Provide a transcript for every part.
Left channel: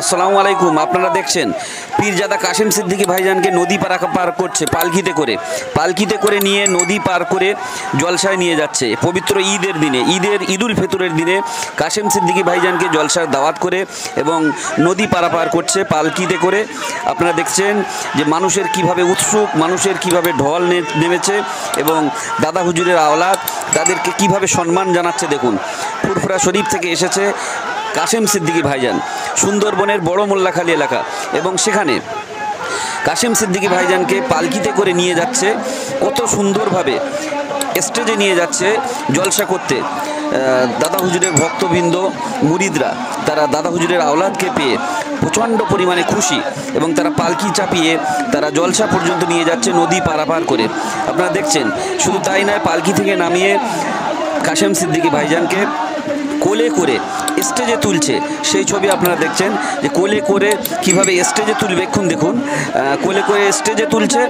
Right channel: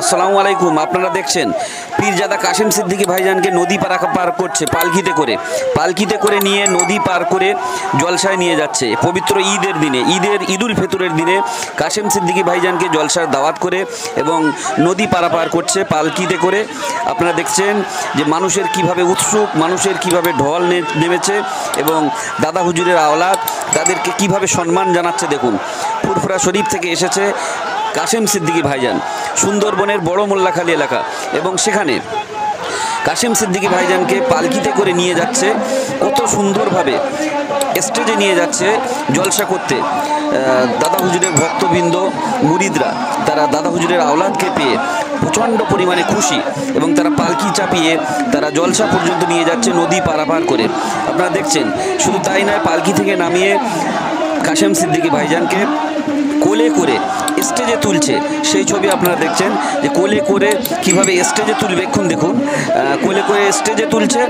আসসালামু আলাইকুম। আপনারা দেখছেন পীরজাদা কাশেম সিদ্দিকী ভাইজানকে নদী পার করছে পালকিতে করে নিয়ে নদী পার করে জলসায় নিয়ে যাচ্ছে। পবিত্র ঈদের দিনে ঈদুল ফিতরের দিনে কাশেম সিদ্দিকী ভাইজানকে জলসার দাওয়াত করে এবং নদী পারাপার করছে পালকিতে করে। আপনারা দেখছেন যে মানুষের কিভাবে উৎসুক, মানুষের কিভাবে ঢল নেমেছে এবং দাদা হুজুরের আওলাদ তাদেরকে কিভাবে সম্মান জানাচ্ছে। দেখুন, ফুরফুরা শরীফ থেকে এসেছে কাশেম সিদ্দিকী ভাইজান, সুন্দরবনের বড় মোল্লাখালী এলাকা, এবং সেখানে কাশেম সিদ্দিকী ভাইজানকে পালকিতে করে নিয়ে যাচ্ছে, কত সুন্দরভাবে স্টেজে নিয়ে যাচ্ছে জলসা করতে। দাদা হুজুরের ভক্তবৃন্দ মুরিদরা তারা দাদা হুজুরের আওলাদকে পেয়ে প্রচণ্ড পরিমাণে খুশি এবং তারা পালকি চাপিয়ে তারা জলসা পর্যন্ত নিয়ে যাচ্ছে নদী পারাপার করে। আপনারা দেখছেন, শুধু তাই নয়, পালকি থেকে নামিয়ে কাশেম সিদ্দিকী ভাইজানকে কোলে করে স্টেজে তুলছে। সেই ছবি আপনারা দেখছেন যে কোলে করে কিভাবে স্টেজে তুলবে। এখন দেখুন, কোলে করে স্টেজে তুলছে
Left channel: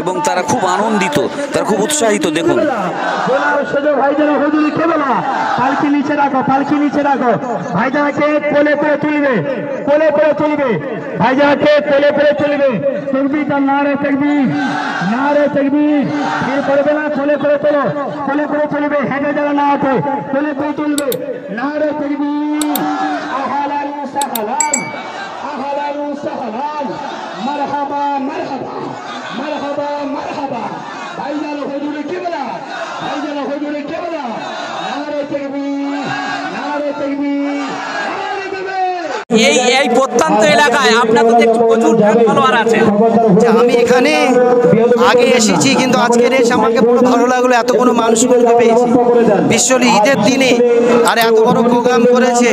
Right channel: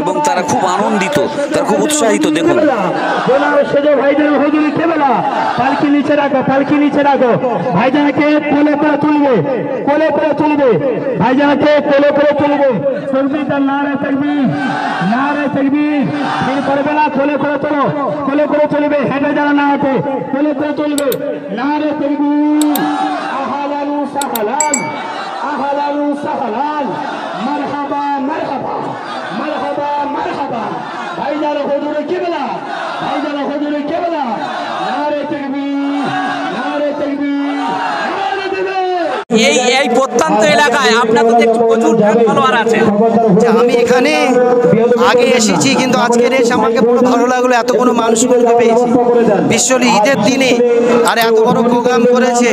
এবং তারা খুব আনন্দিত, তারা খুব উৎসাহিত। দেখুন, পালকি নিচে রাখো, পালকি নিচে রাখো, ভাইজানকে কোলে করে তুলবে, কোলে করে তুলবে, ভাইজানকে কোলে করে তুলবে। তকবীর, নারে তাকবীর, নারে তাকবীর। ফির করবে না, কোলে করে তোলো, কোলে করে তুলবে, হেঁটে যারা না হাঁটে কোলে করে তুলবে। নারে তাকবীর, আহলান সাহলান, আহলান সাহলান, মারহাবা মারহাবা, মারহাবা মারহাবা। ভাইজান হুজুরে কিবলা, ভাইজান হুজুরে কিবলা। নারে তাকবীর, নারে তাকবীর, নারে তাকবীর। এই প্রত্যন্ত এলাকায় আপনার তো দেখছি প্রচুর ফলোয়ার আছে। আমি এখানে আগে এসেছি, কিন্তু আজকের এসে আমাকে পুরো ভালো লাগলো। এত কোনো মানুষগুলোকে পেয়েছি বিশ্বলি ঈদের দিনে, আর এত বড় প্রোগ্রাম করেছে,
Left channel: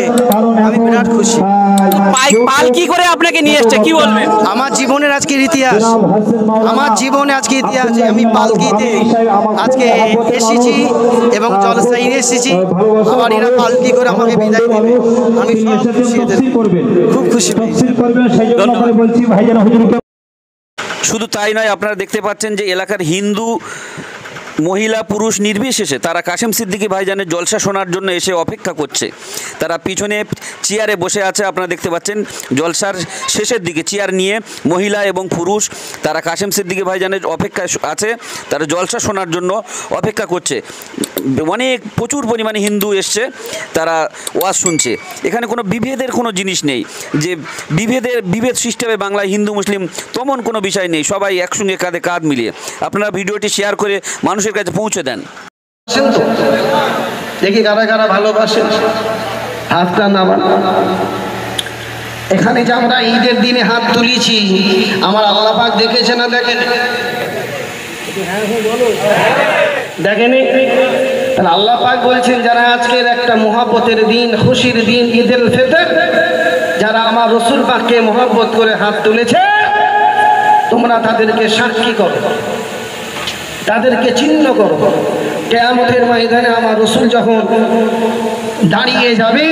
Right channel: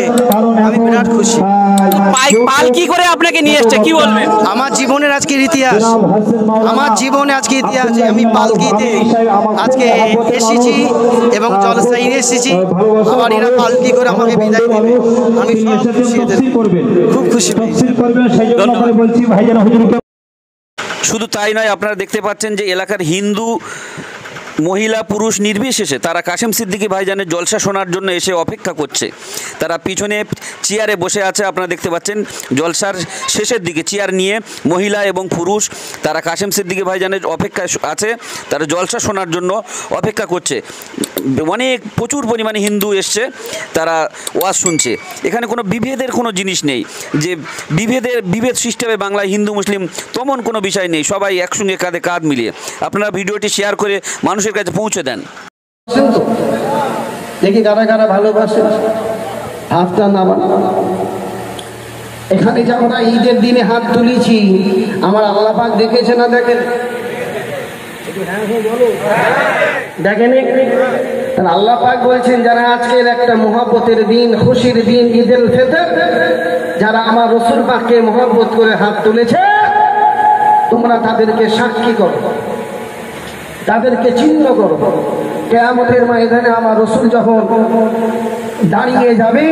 আমি বিরাট খুশি। পালকি করে আপনাকে নিয়ে এসছে, কি বলবেন? আমার জীবনের আজকের ইতিহাস, আমার জীবনে আজকে ইতিহাস। আমি পালকিতে আজকে এসেছি এবং জলসায় এসেছি, আবার এরা পালকি করে আমাকে বিদায় দেবে। আমি খুব খুশি। শুধু তাই নয়, আপনারা দেখতে পাচ্ছেন যে এলাকার হিন্দু মহিলা পুরুষ নির্বিশেষে তারা কাশেম সিদ্দিকী ভাইজানের জলসা শোনার জন্য এসে অপেক্ষা করছে। তারা পিছনে চেয়ারে বসে আছে, আপনারা দেখতে পাচ্ছেন জলসার শেষের দিকে চেয়ার নিয়ে মহিলা এবং পুরুষ তারা কাশেম সিদ্দিকী ভাইজানের অপেক্ষায় আছে, তারা জলসা শোনার জন্য অপেক্ষা করছে। প্রচুর পরিমাণে হিন্দু এসছে, তারা ওয়াজ শুনছে। এখানে কোনো বিভেদের কোনো জিনিস নেই যে বিভেদ সিস্টেমে বাংলায় হিন্দু মুসলিম তেমন কোনো বিষয় নেই, সবাই একসঙ্গে কাঁধে কাঁধ মিলিয়ে। আপনারা ভিডিওটি শেয়ার করে মানুষের কাছে পৌঁছে দেন। দেখি কারা কারা ভালোবাসে, হাতটা নামান। এখানে যে আমরা ঈদের দিনে হাত তুলেছি, আমার আল্লাহ পাক দেখেছে না দেখেন? দেখেনি? তাহলে আল্লাহ পাক বলছেন, যারা আজকের একটা মহব্বতের দিন, খুশির দিন, ঈদুল ফিতর, যারা আমার রাসূল পাককে মহব্বত করে হাত তুলেছে, তোমরা তাদেরকে সাক্ষী করো, তাদেরকে চিহ্ন করো। কিয়ামতের ময়দানে আমার রাসূল যখন দাঁড়িয়ে যাবে,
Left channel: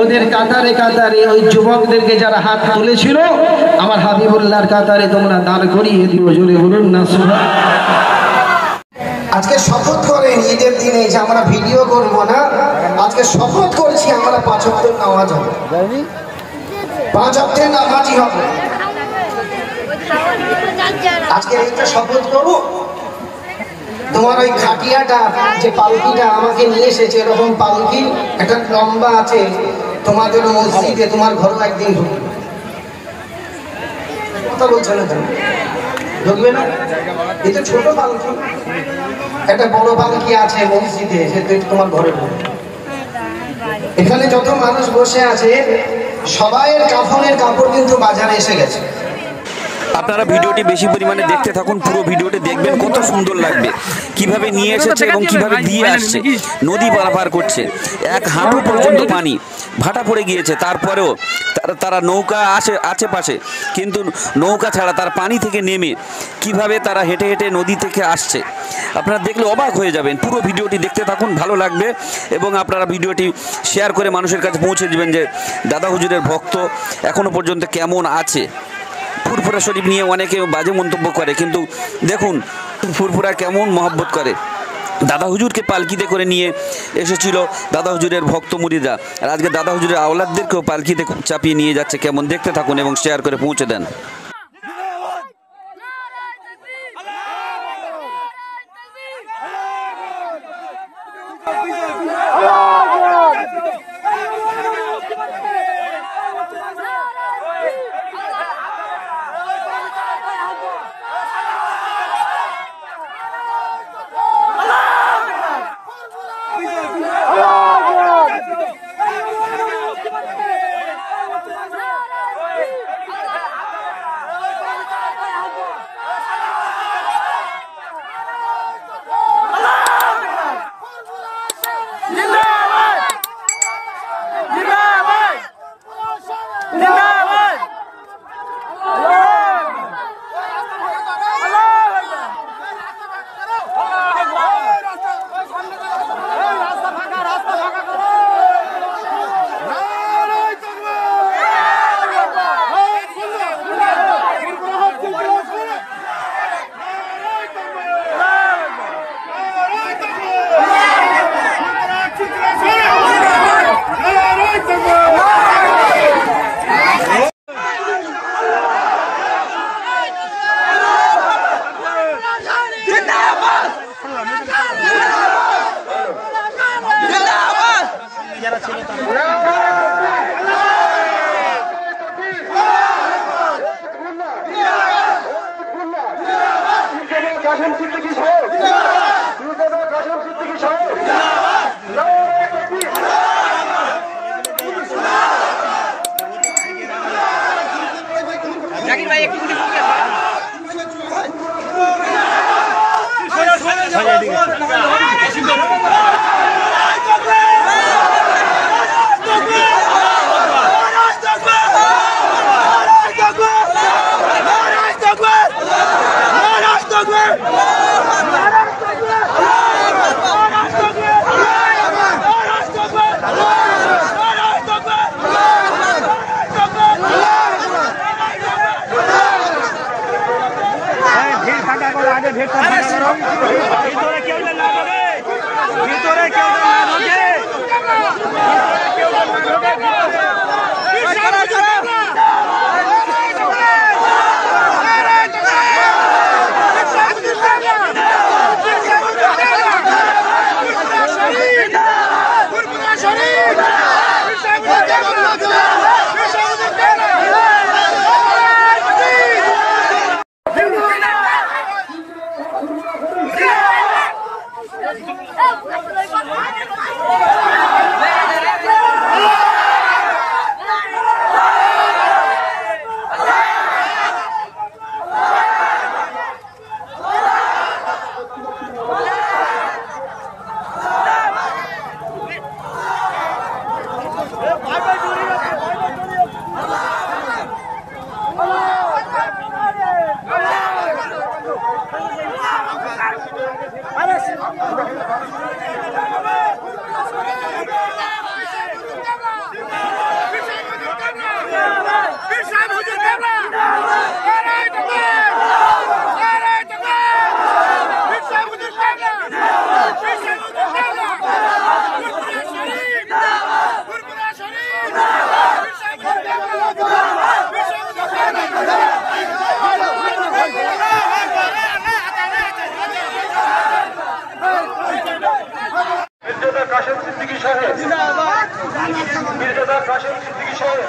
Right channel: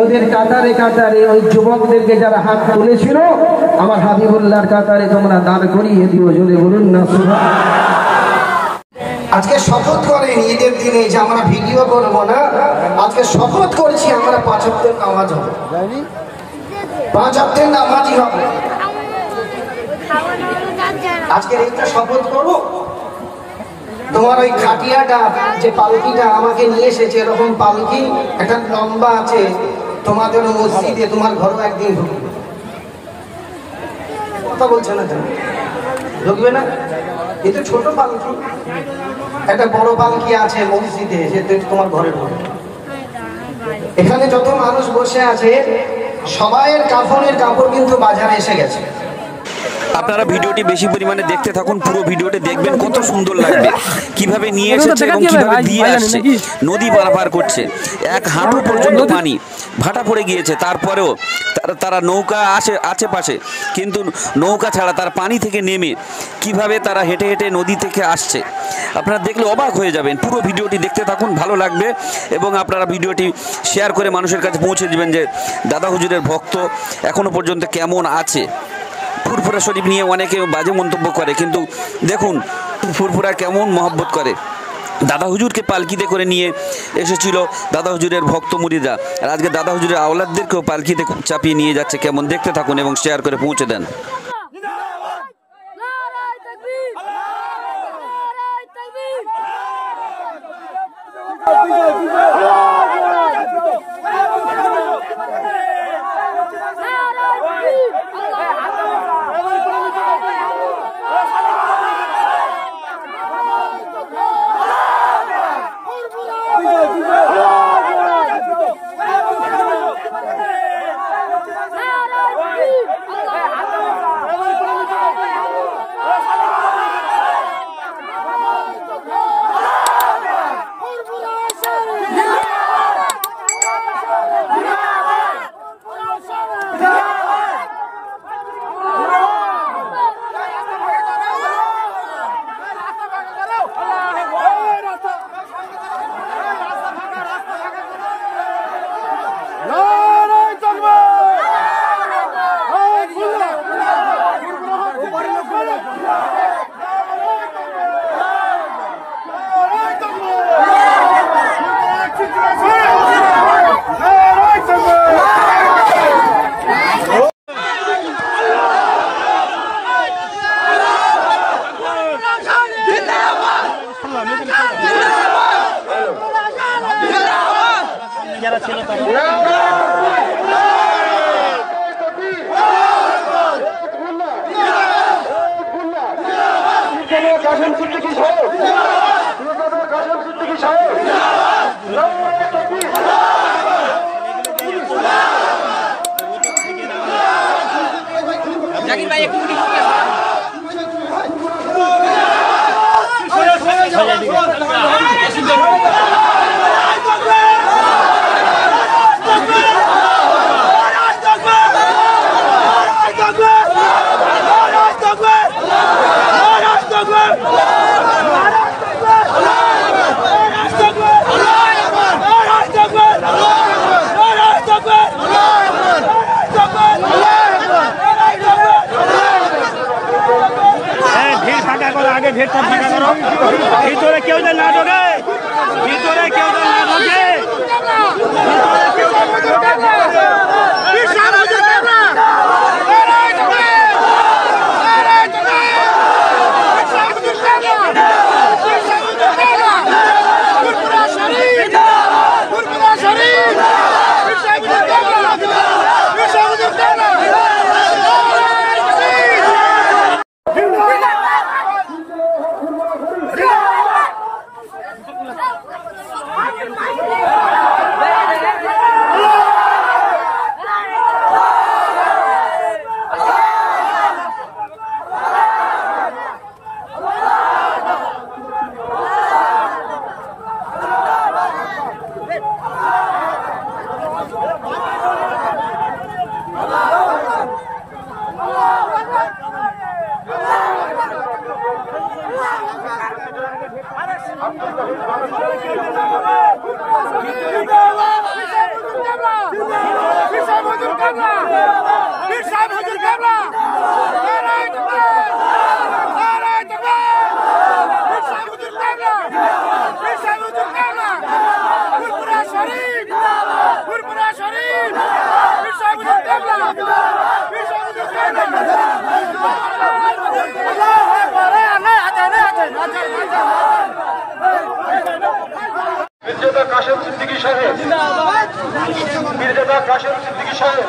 ওদের কাতারে কাতারে ওই যুবকদেরকে যারা হাত তুলেছিল, আমার হাবিবুল্লাহর কাতারে তোমরা দাঁড় করিয়ে দিও। জোরে বলুন না সুবহানাল্লাহ। আজকে শপথ করে ঈদের দিনে যে আমরা ভিডিও করবো না, আজকে শপথ করছি আমরা 5 ওয়াক্তের নামাজ হবে, 5 ওয়াক্তের নামাজই হবে। আজকে এইটা শপথ করো। তোমার ওই খাটিয়াটা যে পালকিটা আমাকে নিয়ে এসেছে, এরকম পালকি একটা লম্বা আছে, তোমাদের মসজিদে তোমার ঘরে একদিন ঢুকবে। কথা বলছে না, ঢুকবে না? এই তো ছোট পালকি, একটা বড় পালকি আছে মসজিদে, সেটা তোমার ঘরে ঢুকবে। এখানে যত মানুষ বসে আছে সবাইয়ের কাফনের কাপড় কিন্তু বাজারে এসে গেছে। আপনারা ভিডিওটি বেশি পরিমাণে দেখতে থাকুন, পুরো ভিডিওটি দেখবেন, কত সুন্দর লাগবে কিভাবে নিয়ে এসেছে এবং কিভাবে দিয়ে আসছে। নদী পারাপার করছে, 1 হাঁটু পর্যন্ত পানি, ভাটা পড়ে গিয়েছে, তারপরেও তারা নৌকা আছে পাশে, কিন্তু নৌকা ছাড়া তার পানি থেকে নেমে কিভাবে তারা হেঁটে হেঁটে নদী থেকে আসছে। আপনারা দেখলে অবাক হয়ে যাবেন। পুরো ভিডিওটি দেখতে থাকুন, ভালো লাগবে, এবং আপনারা ভিডিওটি শেয়ার করে মানুষের কাছে পৌঁছে দেবেন যে দাদা হুজুরের ভক্ত এখনও পর্যন্ত কেমন আছে। ফুরফুরা শরীফ নিয়ে অনেকে বাজে মন্তব্য করে, কিন্তু দেখুন ফুরফুরা কেমন মহব্বত করে। দাদা হুজুরকে পালকিতে করে নিয়ে এসেছিল দাদা হুজুরের ভক্ত মুরিদরা, আর আজকে দাদা হুজুরের আওলাদদেরকেও পালকিতে চাপিয়ে নিয়ে যাচ্ছে। কেমন দেখতে থাকুন এবং শেয়ার করে পৌঁছে দেন। যারা ছিল তারা জাকির ভাই একটু ভিড় ফাঁকা করো, আগে ভিড়টা ফাঁকা করো, ভিতরে কেউ যেন না ঢোকে, ভিতরে কেউ যেন না ঢোকে। কাশেম সিদ্দিকী সাহেব, মির্জাদা কাশেম সিদ্দিকী সাহেব,